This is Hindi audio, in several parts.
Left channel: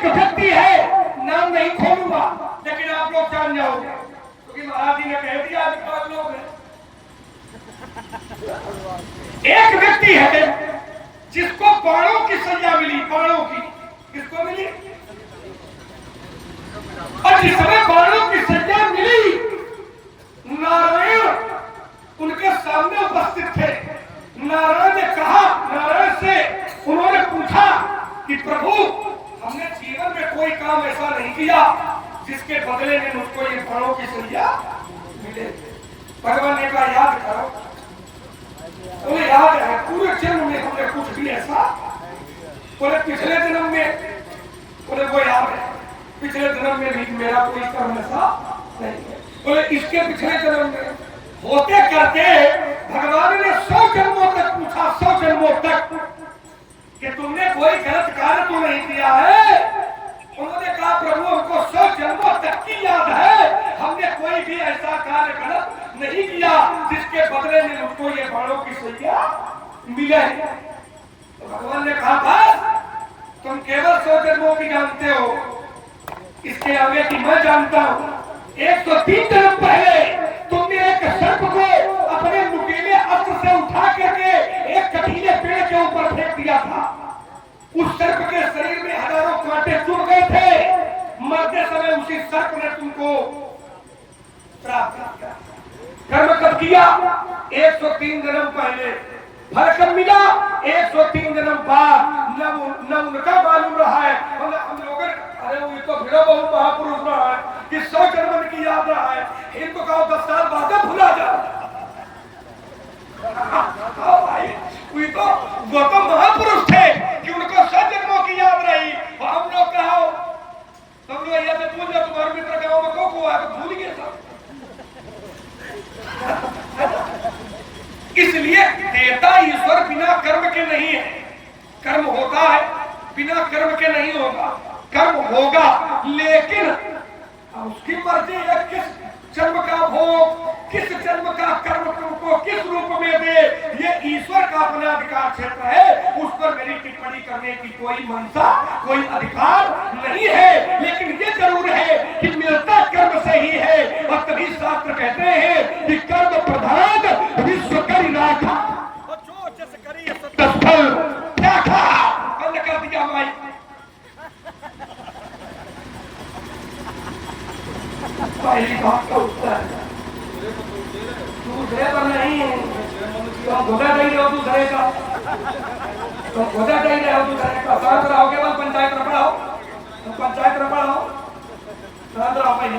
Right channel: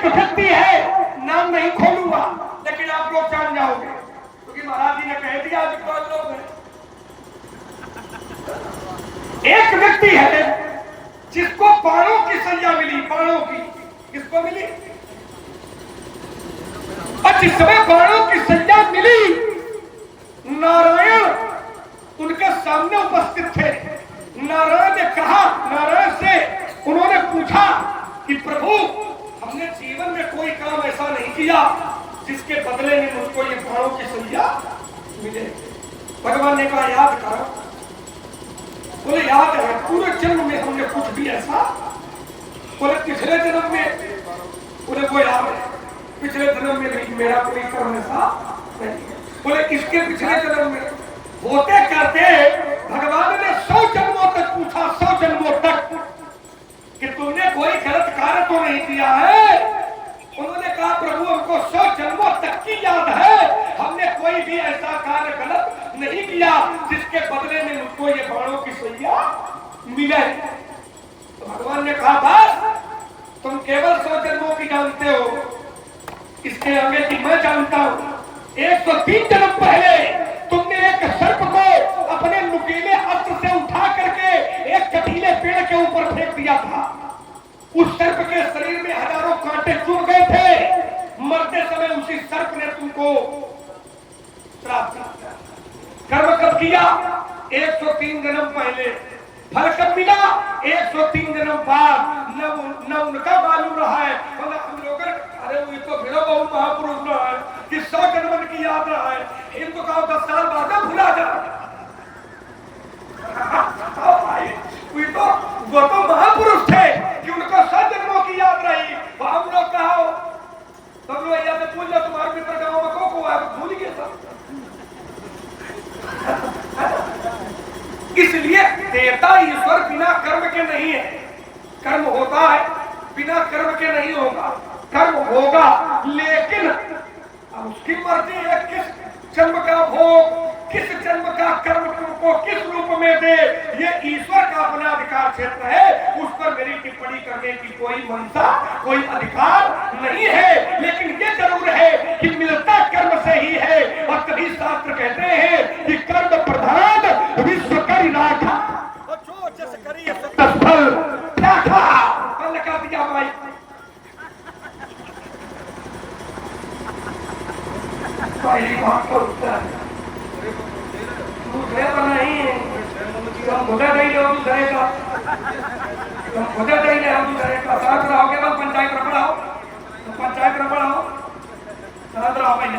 एक व्यक्ति है, नाम नहीं खोलूंगा लेकिन आप लोग जान जाओगे, क्योंकि महाराज जी ने कह दिया अभी 5 लोग हैं। एक व्यक्ति है जिसको बाणों की सजा मिली, बाणों की किसको मिली? और जिस समय बाणों की सजा मिली, नारायण उनके सामने उपस्थित थे। नारायण ने कहा, नारायण से उन्होंने पूछा कि प्रभु, हमने जीवन में कोई काम ऐसा नहीं किया जिसके बदले में मुझको ये बाणों की सजा मिले। भगवान ने कहा याद करो। बोले याद है, पूरे जन्म में हमने कुछ भी ऐसा, बोले पिछले जन्म में, बोले वो याद है, पिछले जन्म में भी मेरा कोई कर्म ऐसा नहीं है। बोले इसके पिछले जन्म में होते करते भगवान ने 100 जन्मों तक पूछा, 100 जन्मों तक, कि तुमने कोई गलत कार्य तो नहीं किया है? उन्होंने कहा प्रभु हमको 100 जन्मों तक की याद है, हमने कोई भी ऐसा कार्य गलत नहीं किया जिसके बदले में मुझको ये बाणों की सजा मिले। तो भगवान ने कहा था तुम केवल 100 जन्मों की जानते हो, इसके आगे की मैं जानता हूं। 103 जन्म पहले तुमने एक सर्प को अपने नुकीले अस्त्र से उठा करके एक कटीले पेड़ के ऊपर फेंक दिया था। उस सर्प के शरीर में हजारों कांटे चुभ गए थे। मरते समय उसी सर्प ने तुमको कर्म कर दिया 103 जन्म पहले। फल कब मिला? 103 जन्म बाद। न उनका मालूम रहा है, हम लोग अरे वो तो फिर बहुत महापुरुष रहा है कि 100 जन्म की याद रहा है, इनको कहो 10 साल बाद भुला जाए। वो तो महापुरुष थे कि उनको 100 जन्मों की याद रही। हम लोग कहो तुम लोग याद पूछ जाओ, तुम्हारे मित्र गाँव में को है तो भूल गए सब। इसलिए देवता ईश्वर बिना कर्म के नहीं है। कर्म होता है, बिना कर्म के नहीं होगा। कर्म होगा लेकिन उसकी मर्जी है किस जन्म का भोग, किस जन्म का कर्म तुमको किस रूप में दे, ये ईश्वर का अपना अधिकार क्षेत्र है। उस पर मेरी टिप्पणी करने की कोई मंशा, कोई अधिकार नहीं है। लेकिन ये जरूर है कि मिलता कर्म से ही है। और तभी शास्त्र कहते हैं कि कर्म प्रधान विश्व करी राखा, फल बंद कर दिया भाई। पहली बात का उत्तर दूसरे पर नहीं है। खुदा नहीं हो दूसरे का, तो खुदा नहीं हो दूसरे का। शांत रहोगे बस, पंचायत रपड़ा हो तो पंचायत रपड़ा हो, शांत रहो भाई।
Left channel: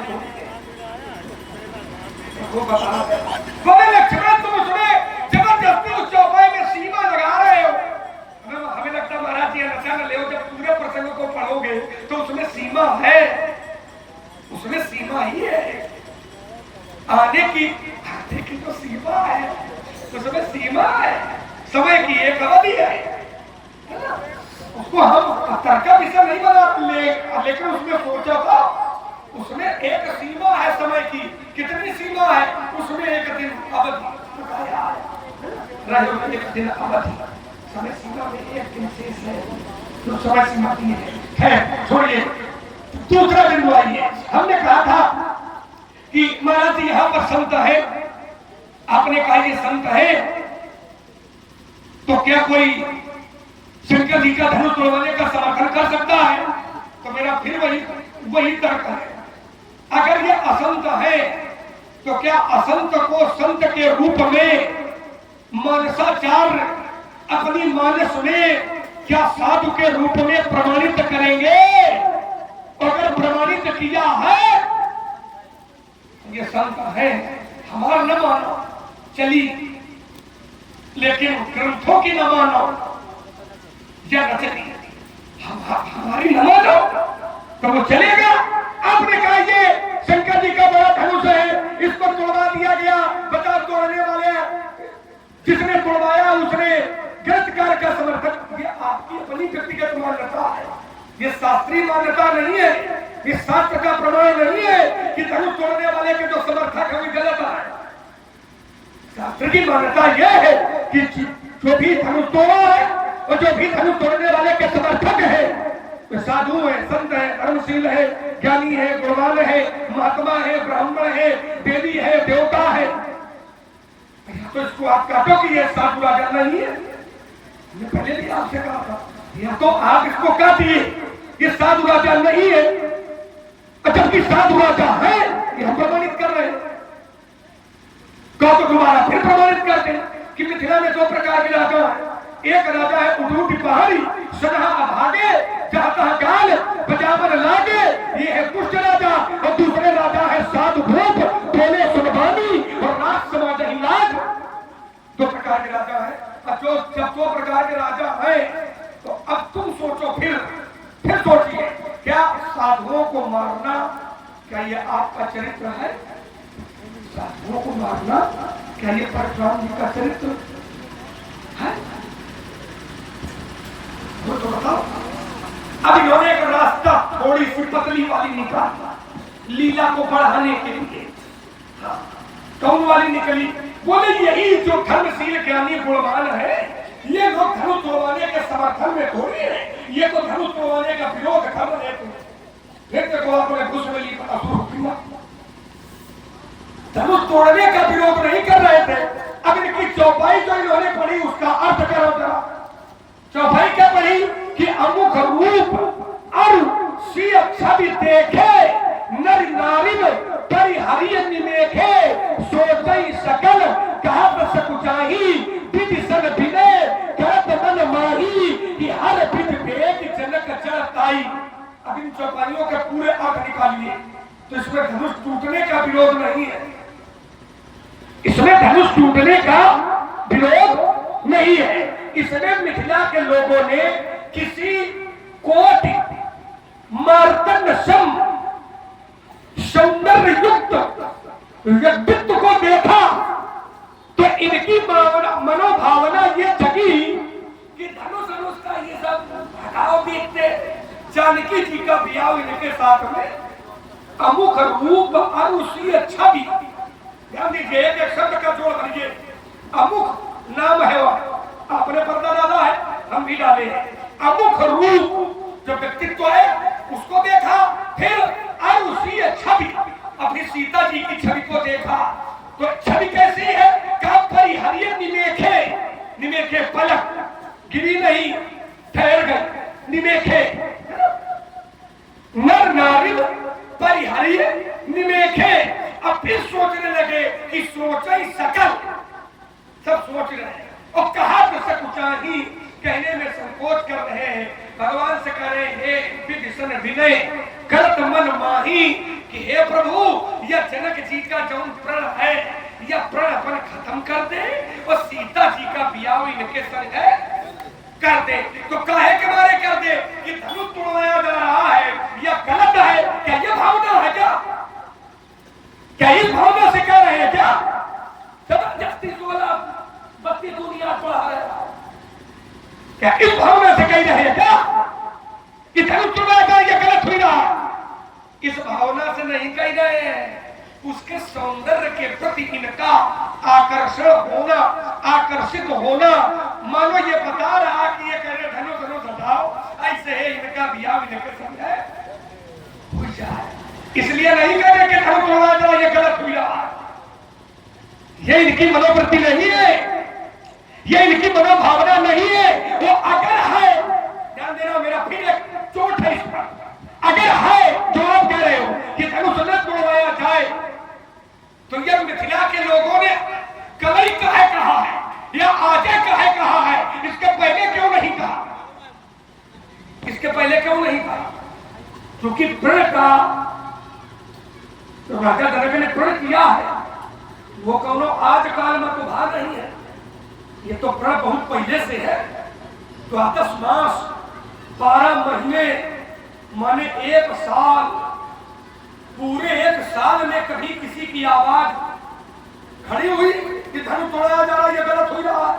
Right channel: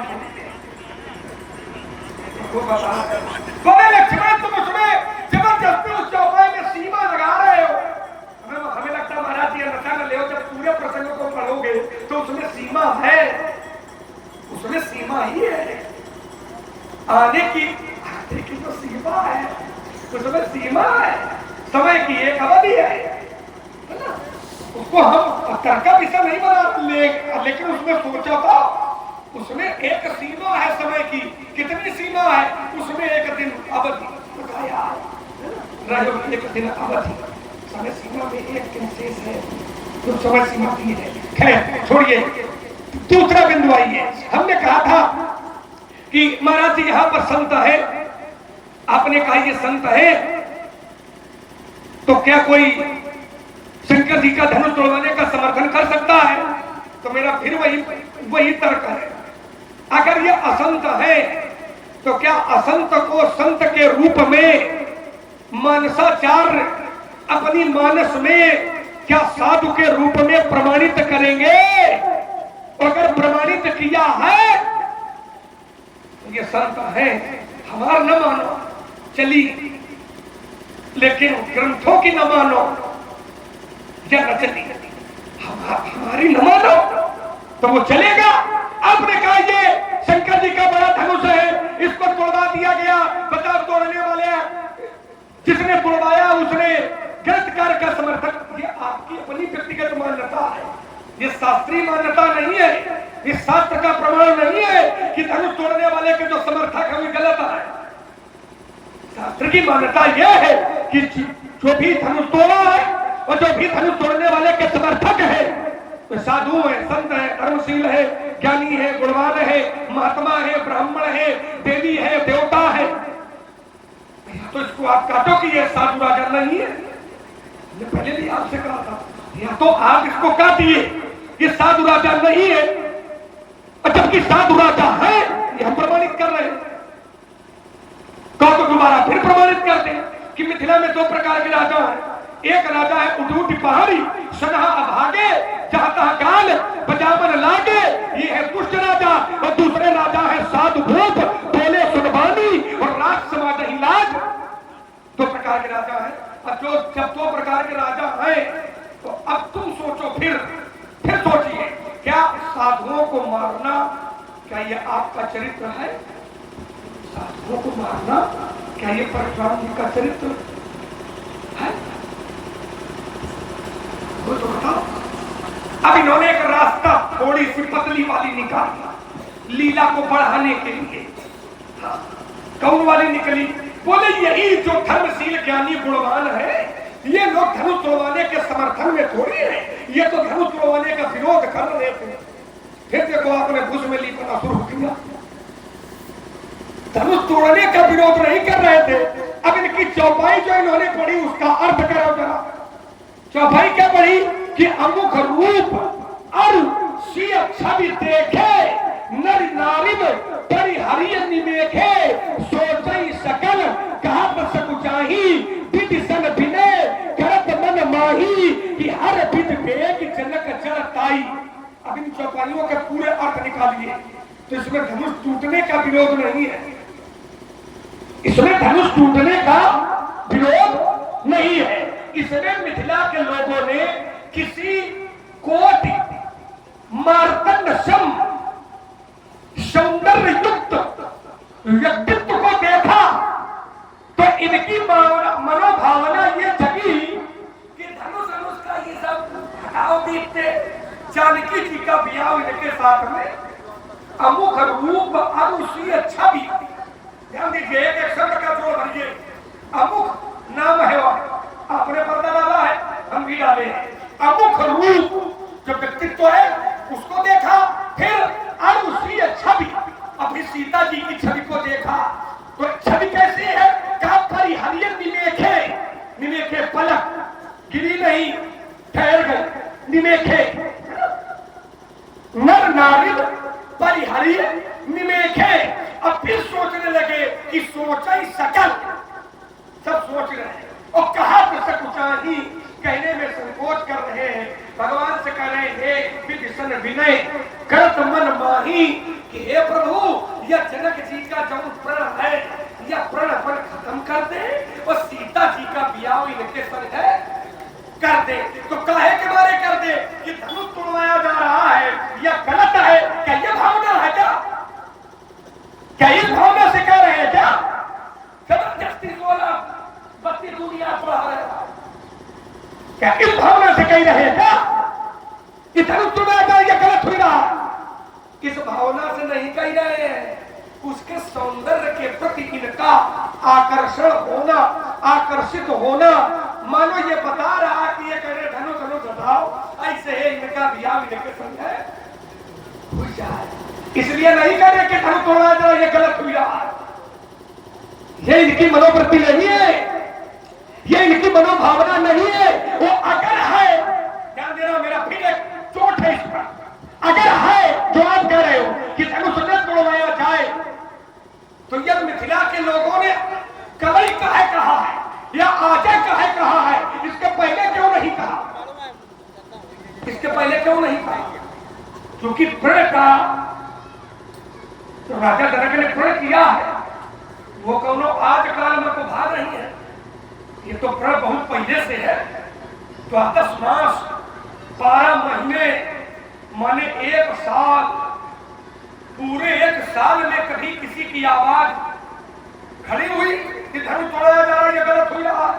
बोले लक्ष्मण तुम उसमें जबरदस्ती उस चौपाई में सीमा लगा रहे हो। हमें लगता है महाराज जी नशा न ले, जब पूरे प्रसंग को पढ़ोगे तो उसमें सीमा है, उसमें सीमा ही है। आने की तो सीमा है, उसमें सीमा है, समय की एक अवधि है। उसको हम तर्क का विषय नहीं बना लेकिन उसमें सोचा था, उसमें एक सीमा है समय की। कितनी सीमा है? उसमें एक दिन अवधि बताया, एक दिन अवधि। समय सीमा में एक दिन शेष है, जो समय सीमा की है। खैर छोड़िए, दूसरा बिंदु आइए। हमने कहा था कि महाराज जी यहाँ पर संत है, आपने कहा ये संत है, तो क्या कोई शंकर जी का धनुष तोड़वाने का समर्थन कर सकता है? तो मेरा फिर वही तर्क है। अगर ये असंत है तो क्या असंत को संत के रूप में मानसाचार्य अपनी मानस में क्या साधु के रूप में प्रमाणित करेंगे? अगर प्रमाणित किया है तो ये संत है, हमारा न मानो चली, लेकिन ग्रंथों की न मानो या हमारी न मानो तो वो चलेगा। आपने कहा ये शंकर जी का बड़ा धनुष है, इसको तोड़वा दिया गया। बताओ तोड़ने वाले जिसने तोड़वाया उसने गलत कार्य का समर्थन। ये आपकी अपनी व्यक्तिगत मान्यता है, ये शास्त्रीय मान्यता नहीं है, ये शास्त्र का प्रमाण नहीं है कि धनुष तोड़ने वाले के जो समर्थक है गलत है। शास्त्र की मान्यता यह है कि जो भी धनुष तोड़ा है और जो भी धनुष तोड़ने वाले के समर्थक है, तो साधु है, संत है, धर्मशील है, ज्ञानी है, गुणवान है, महात्मा है, ब्राह्मण है, देवी है, देवता है, तो इसको आप काटो कि ये साधु राजा नहीं है। मैं पहले भी आपसे कहा था, या तो आप इसको काटिए, ये साधु राजा नहीं है, और जबकि साधु राजा है ये हम प्रमाणित कर रहे हैं। कहो तो दोबारा फिर प्रमाणित करते हैं कि मिथिला में दो प्रकार के राजा हैं। एक राजा है उठूठी पहाड़ी, सदा अभागे, जहां तहां गाल बजावन लागे, ये है दुष्ट राजा। और दूसरे राजा है साधु भूप, बोले सुनवानी और राज समाज ही लाज। दो प्रकार के राजा है। अब जो जब दो प्रकार के राजा हैं तो अब तुम सोचो, फिर सोचिए, क्या साधुओं को मारना क्या ये आपका चरित्र है? साधुओं को मारना क्या ये परशुराम जी का चरित्र है? वो तो बताओ। अब इन्होंने एक रास्ता थोड़ी सी पतली वाली निकाली लीला को बढ़ाने के लिए। कौन वाली निकली? बोले यही जो धर्मशील ज्ञानी गुणवान है, ये लोग धनुष तोड़वाने के समर्थन में थोड़ी है, ये तो धनुष तोड़वाने का विरोध कर रहे थे। फिर देखो आपने घुस में लिखना शुरू किया, धनुष तोड़ने का विरोध नहीं कर रहे थे। अब इनकी चौपाई जो इन्होंने पढ़ी उसका अर्थ करो जरा। चौपाई क्या पढ़ी कि अमुख रूप और सिय छवि देखे, नर नारी परिहरिय निमेखे, सोचई सकल कहत सकुचाही, विधि सन विनय करत मन माही, कि हर विधि वेग जनक चढ़ताई। अब इन चौपाइयों के पूरे अर्थ निकालिए तो इसमें धनुष टूटने का विरोध नहीं है, इसमें धनुष टूटने का विरोध नहीं है। इसमें मिथिला के लोगों ने किसी कोटि मार्तंडसम सौंदर्य युक्त व्यक्तित्व को देखा तो इनकी मनोभावना ये जगी कि धनुष का ये सब हटाओ देखते, जानकी जी का ब्याह इनके साथ में अमुख रूप अरुषीय छवि। ध्यान दीजिए, एक शब्द का जोड़ करिए, अमुख नाम है, वह आपने पर्दा डाला है, हम भी डाले हैं। अमुख रूप जो व्यक्तित्व है उसको देखा, फिर अरुषीय छवि अपनी सीता जी की छवि को देखा। तो छवि कैसी है? कहा परिहरिय निमेखे, निमेखे पलक गिरी नहीं, ठहर गई, निमेखे नर नारी परिहरिय निमेखे। अब फिर सोचने लगे कि सोचई सकल, सब सोच रहे हैं और कहा तो सकुचाही, कहने में संकोच कर रहे हैं। भगवान से कह रहे हैं विधि सन विनय करत मन माही, कि हे प्रभु यह जनक जी का जौन प्रण है यह प्रण अपन खत्म कर दे और सीता जी का ब्याह इनके संग है कर दे। तो काहे के बारे कर दे कि धनुष तोड़वाया जा रहा है, यह गलत है। क्या यह भावना है? क्या इस भावना से कह रहे हैं? क्या जबरदस्ती 16-32 दुनिया पढ़ा रहे हैं? क्या इस भावना से कह रहे हैं? क्या कि धनुष तोड़वाया जाए यह गलत हुई रहा? इस भावना से नहीं कह रहे हैं, उसके सौंदर्य के प्रति इनका आकर्षण होना, आकर्षित होना। मानो ये बता रहा कि ये कह रहे धनुष धनुष हटाओ, ऐसे है इनका ब्याह इनके संग है हो जाए, इसलिए नहीं कह रहे कि धनुष तोड़ा जाए ये गलत हुई रहा। ये इनकी मनोवृत्ति नहीं है, ये इनकी मनोभावना नहीं है। वो अगर है, ध्यान देना मेरा, फिर एक चोट है इस पर, अगर है जो आप कह रहे हो कि धनुष न तोड़वाया जाए, तो यह मिथिला के लोगों ने कभी कहे कहा है या आजे कहे कहा है, इसके पहले क्यों नहीं कहा? इसके पहले क्यों नहीं कहा? क्योंकि प्रण का तो राजा जनक ने प्रण किया है, वो कौनो आज काल में तो भाग नहीं है, ये तो प्रण बहुत पहले से है। तो 10 मास 12 महीने माने 1 साल, पूरे 1 साल में कभी किसी की आवाज खड़ी हुई कि धनुष तोड़ा जा रहा है, ये गलत हुई रहा?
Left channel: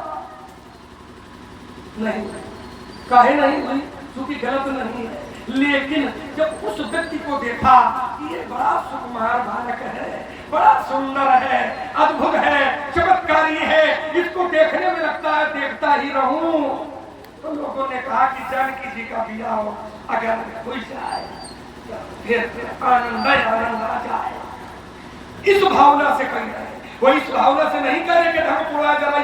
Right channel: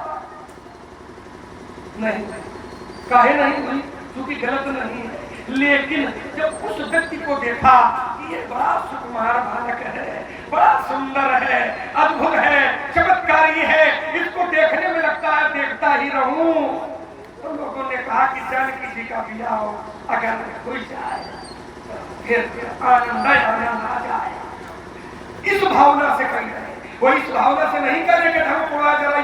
नहीं। काहे नहीं हुई? क्योंकि गलत नहीं है। लेकिन जब उस व्यक्ति को देखा कि ये बड़ा सुकुमार बालक है, बड़ा सुंदर है, अद्भुत है, चमत्कारी है, इसको देखने में लगता है देखता ही रहूं, तो लोगों ने कहा कि जानकी जी का विवाह अगर हो जाए तो फिर आनंद आनंद आ जाए। इस भावना से कर रहे हैं, वो इस भावना से नहीं कर रहे कि हम कुड़ा जरा